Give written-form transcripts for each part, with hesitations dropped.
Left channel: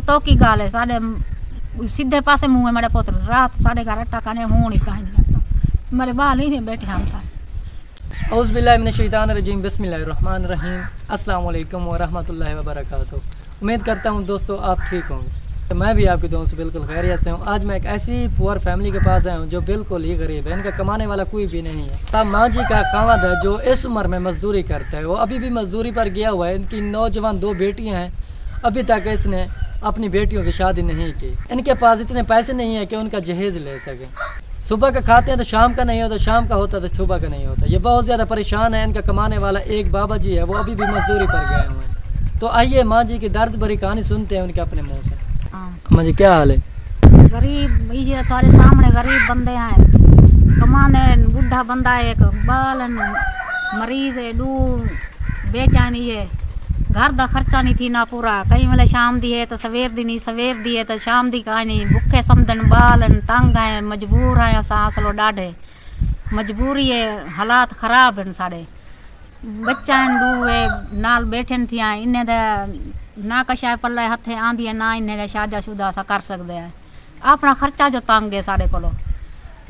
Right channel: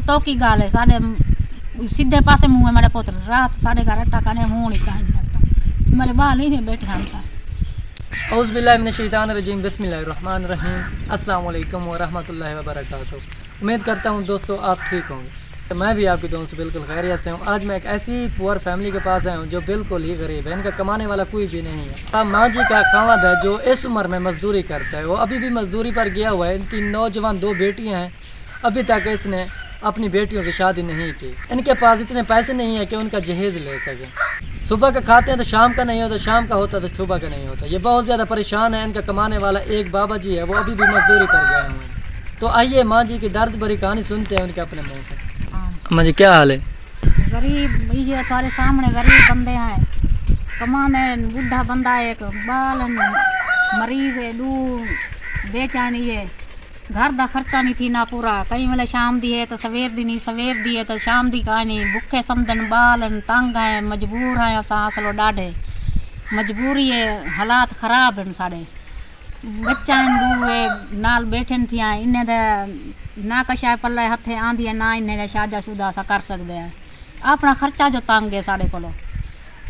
रतो की गाल है साढ़े सीधे पासे मुँह है मेरे पुत्र रात साढ़े घर अट्टा खाने होनी कहीं मेरे बाल ही बैठे हम था। औज़ु बिल्लाहि मिनश शैतानिर रजीम बिस्मिल्लाहिर रहमानिर रहीम अस्सलाम वालेकुम व रहमतुल्लाहि व बरकातुहू। उम्मीद करता हूँ दोस्तों आप ठीक होंगे। तो मैं भी आपके दोस्त बिल्कुल खैरियत से हूँ। आज मैं एक ऐसी पुअर फैमिली के पास आया हूँ जो बिल्कुल ही गरीब है, इनका कमाने वाला कोई भी नहीं है। अब माँ जी का खावद है जो इस उम्र में मजदूरी करता है, वो अभी भी मजदूरी पर गया हुआ है। इनकी नौजवान 2 बेटियाँ हैं, अभी तक इसने अपनी बेटियों की शादी नहीं की। इनके पास इतने पैसे नहीं है कि उनका जहेज ले सके। सुबह का खाते हैं तो शाम का नहीं होता, शाम का होता तो सुबह का नहीं होता। ये बहुत ज़्यादा परेशान है। इनका कमाने वाला एक बाबा जी है, वो अभी भी मजदूरी पर गए हुए हैं। तो आइए माँ जी की दर्द भरी कहानी सुनते हैं उनके अपने मुँह से। माँ जी क्या हाल है? गरीब ये तुम्हारे सामने गरीब बंदे हैं, कमाने बुढ़ा बंदा है, एक बालन मरीज है, 2 बेचानी है, घर का खर्चा नहीं थी ना पूरा। कई वेले शाम दी है तो सवेर दी नहीं, सवेर दी है तो शाम दी का नहीं। भुखे समझन बालन तंग है, मजबूर है। असां असलो ॾाढे मजबूरी है, हालात खराब हैं साढ़े। बच्चा 2 नाल बैठन थिया, इन्हें ना कशा पल्ले हथे आंदी है ना इन्हें शादा शुदा असा कर सकते हैं। अपना खर्चा जो तंग है साढ़े को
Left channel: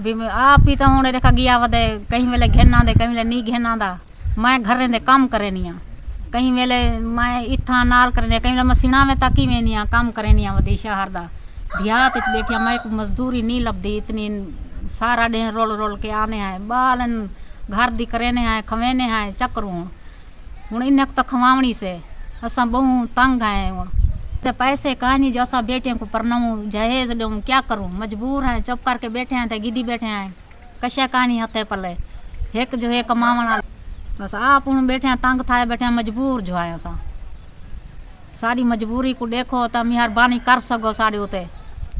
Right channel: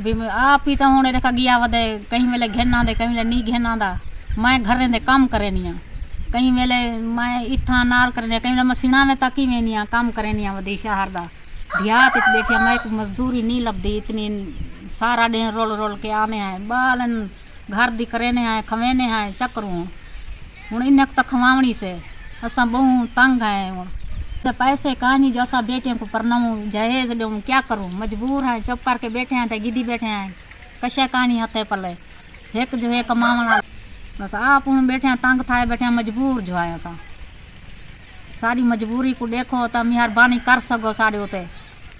भी आप ही तो हूँ देखा गया वधे कहीं वेले घेना दे कहीं वेले नहीं घेना दा। मैं घर दे काम करेनी हाँ, कहीं वेले मैं इतना नाल करनी, कहीं वेले मसीना में ताकी वेनी हाँ काम करेनी हाँ। वधी शहर दा देहात बैठी मैं एक मजदूरी नहीं लभदी, इतनी सारा दिन रोल रोल के आने हैं। बालन घर दी करेने हैं, खवेने हैं चक्रू हूँ इन्हें तो खवावनी से असा बहु तंग है। हूँ तो पैसे कहानी जो असा बेटियों को परनाऊँ जहेज दूँ क्या करूँ, मजबूर हैं। चुप करके बैठे हैं तो गिदी बैठे हैं, कशा कहानी हथे पले एक जो है कमावना। बस आप हूँ बैठे हैं तंग थाए बैठे हैं, मजबूर जो है असा। सारी मजबूरी को देखो तो मेहरबानी कर सको साढ़े उते,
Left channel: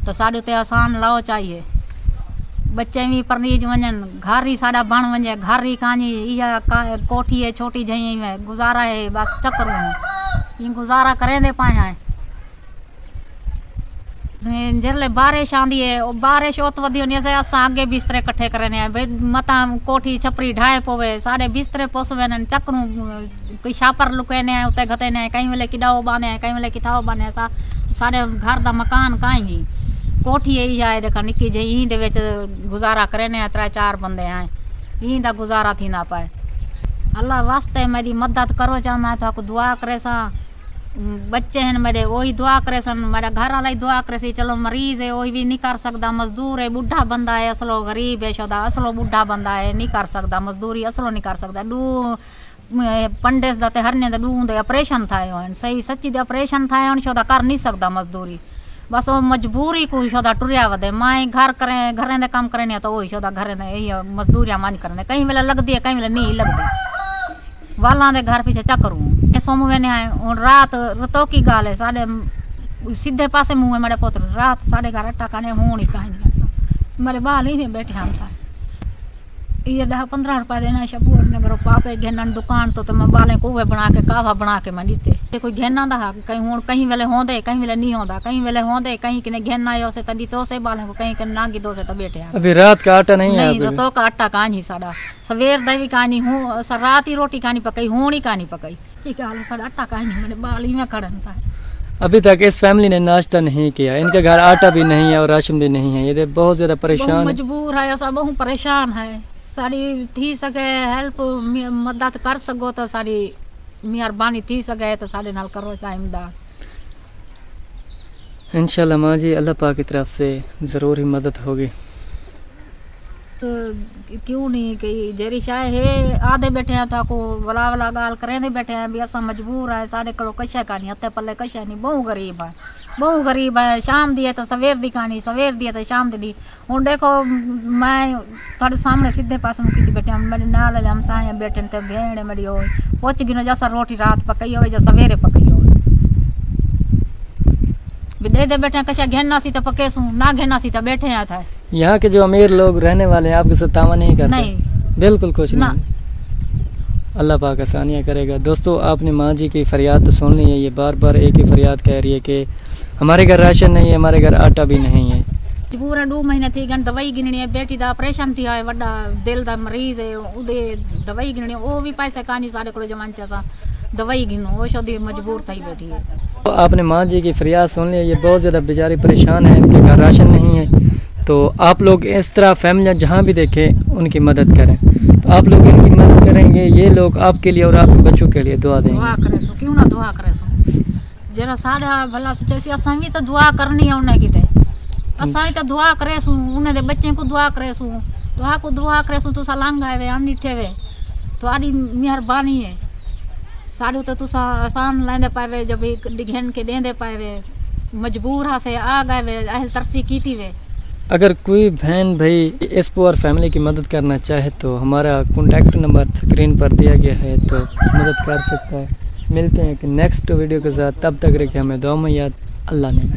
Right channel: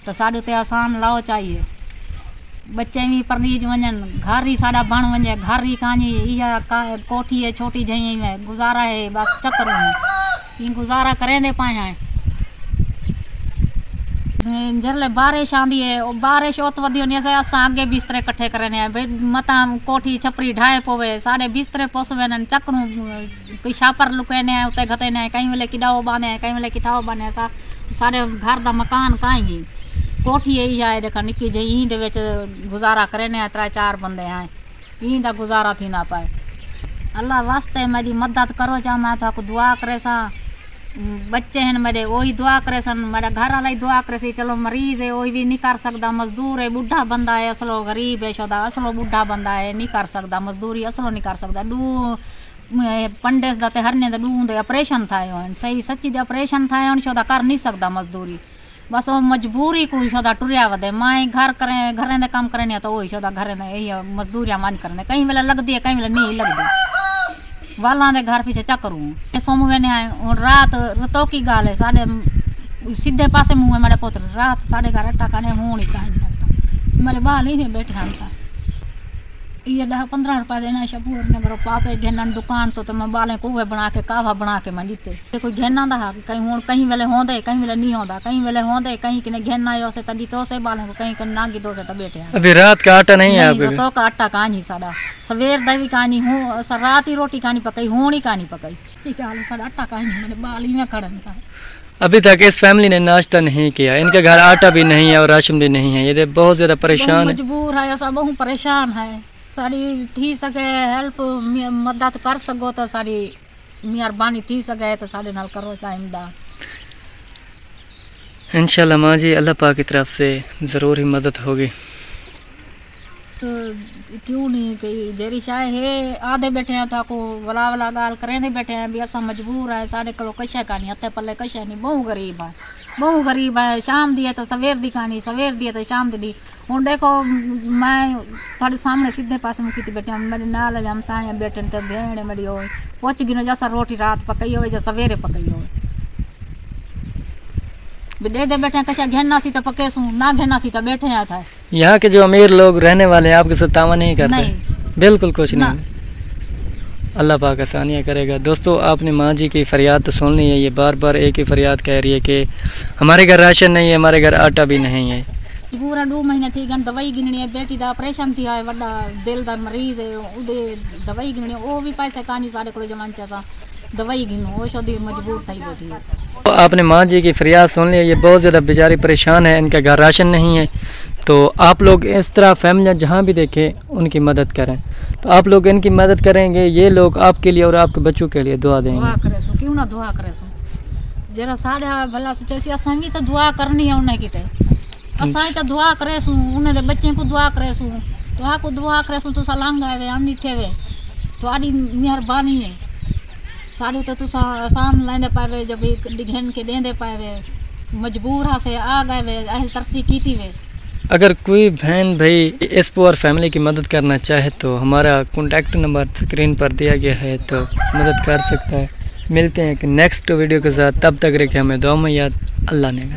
तो साढ़े उते आसान लाओ चाहिए। बच्चे भी परनीज वजन, घर ही साढ़ा बण वजे, घर ही कहानी इहा कोठी है छोटी जही में गुजारा है। बस चक्कर ये गुजारा करें दे पाए हैं। जरले बारिश आंदी है, बारिश ओत वधी होनी है असां आगे बिस्तरे कट्ठे करने हैं भाई, मता कोठी छपरी ढाए पवे साढ़े बिस्तरे पोसवे चक्रू कोई छापर लुकेने हैं उते घते ने, कहीं वेले किडाओ बाने हैं, कहीं वेले किथाओ बाने हैं। साढ़े घर दा मकान कहीं कोठी यही जाए देखा निकी जी यहीं दे विच गुजारा करेने 3-4 बंदे हैं, यहीं दा गुजारा थी ना पाए। अल्लाह वास्ते मेरी मदद करो जा, मैं तो दुआ करे सा। बच्चे हैं मेरे वही दुआ करे सन, मेरा घर वाला ही दुआ करे सी। चलो मरीज है वही भी नहीं कर सकता, मजदूर है, बुढ़ा बंदा है, असलो गरीब है शोदा, असलो बुढ़ा बंदा है नहीं कर सकता मजदूरी, असलो नहीं कर सकता। 2 पंडेस दाते हरने दे 2 दे ऑपरेशन थाए हो, सही सच्ची दे ऑपरेशन थाए हो शोदा कर नहीं सकता मजदूरी। बस वो मजबूरी को शोदा टुरिया वधे। माए घर करें घरें दे काम करें तो वही शोदा घरें दे मजदूरियां मान करने, कहीं वेले लगती है कहीं वेले नहीं लगती। वाला दे घर पीछे चक्रू सोम वेने हूँ रात रतो की गाल है साढ़े सीधे पासे मुँह है मेरे पुत्र रात साढ़े घर अट्टा खाने होनी कहीं मेरे बाल ही बैठे हम था। ये 10-15 रुपये देना शबू अपने मेरे पापे घेना दुकान तो मैं बालें कुएं बना के कावा बना के मैं जीते कोई घेना दा कहीं हूँ कहीं वेले होंदे कहीं वेले नहीं होंदा, कहीं वेले होंदे कहीं किने घेना यो से तड़ी तो से बालों को कहीं नागी दो से तो बैठे। अभी रात का आटा नहीं है आपके? तो का आटा कहानी सारा सवेर दवी कहानी हूँ रात ही रोटी कहानी पकाई होनी कहानी पकाई ठीक है सारा आटा कहानी मेरे बाल ही में खड़न था। अभी तक इस फैमिली ने नाश्ता नहीं किया, इनके घर आटा भी नहीं है और राशन भी नहीं है। ये बहुत ज्यादा परेशान है, मजबूर है, ऐसा बहुत परेशान है। सारी थी सके हेल्प मदद कर सको तो सारी मेहरबानी थी सके तो सारे नाल करो चाहे इमदाद। इंशाल्लाह माँ जी अल्लाह पाक की तरफ से ज़रूर ही मदद होगी। क्यों नहीं कि जेरी चाहे है आधे बैठे हैं तो वला वला गाल करें बैठे हैं भी असा मजबूर है साढ़े को कशा का नहीं हथे पल्ले कशा नहीं बहु गरीब है बहु गरीब है। शाम दिए तो सवेर दी कहानी सवेर दिए तो शाम दी हूँ देखो मैं थोड़े सामने सीधे पास में की बैठे मेरे नाल हम साए बैठे तो भेड़ मेरी हो पहुँच गिनो जैसा रोटी रात पकई हो जो सवेरे पकई हो दे बैठे कशा घेना सी तो पके सू ना घेना सी तो बैठे हैं था। यहाँ के जो अमीर लोग रहने वाले हैं आपके साथ तावा नहीं करते? नहीं बिल्कुल कुछ नहीं। अल्लाह पाक आसानियाँ करेगा। दोस्तों आपने माँ जी की फरियाद तो सुन ली है, ये बार बार एक ही फरियाद कह रही है कि हमारे घर राशन नहीं है, हमारे घर आटा भी नहीं है। पूरा 2 महीने थी गन दवाई गिननी है, बेटी का ऑपरेशन थी है, वड्डा दिल का मरीज है, उदे दवाई गिननी वो भी पैसे कहानी सारे को जमान चा दवाई गिनो वो शोदी मजबूर थी बैठी है। तो आपने माँ जी की फरियाद सुन लिया, ये बहुत ज़्यादा बेचारी परेशान है, इनके घर राशन नहीं है। तो आप लोग इस तरह फैमिलियाँ जहाँ भी देखें उनकी मदद करें। तो आप लोग इनकी मदद करेंगे, ये लोग आपके लिए और आपके बच्चों के लिए दुआ देंगे। दुआ करे सो क्यों ना दुआ करे सो, जरा साढ़ा भला सोचे असां भी तो दुआ करनी है उन्हें किते, असां ही तो दुआ करे सू उन्हें दे बच्चे को दुआ करे सू, दुआ को दुआ करे सू। तुसा लांघा वे हम निठे वे तुम्हारी मेहरबानी है, साड़ू तो तुसा आसान लेंदे पावे, जब डिघन के देंदे पावे, मजबूर हा से आ गए वे, अहल तरसी की थी वे। अगर कोई बहन भाई इस पुअर फैमिली की मदद करना चाहे तो हमारा कॉन्टैक्ट नंबर स्क्रीन पर दिया गया है, तो मदद कर सकता है। मिलते हैं एक नेक्स्ट वीडियो के साथ, तब तक रखें हमें दुआ में याद। अल्लाह ने।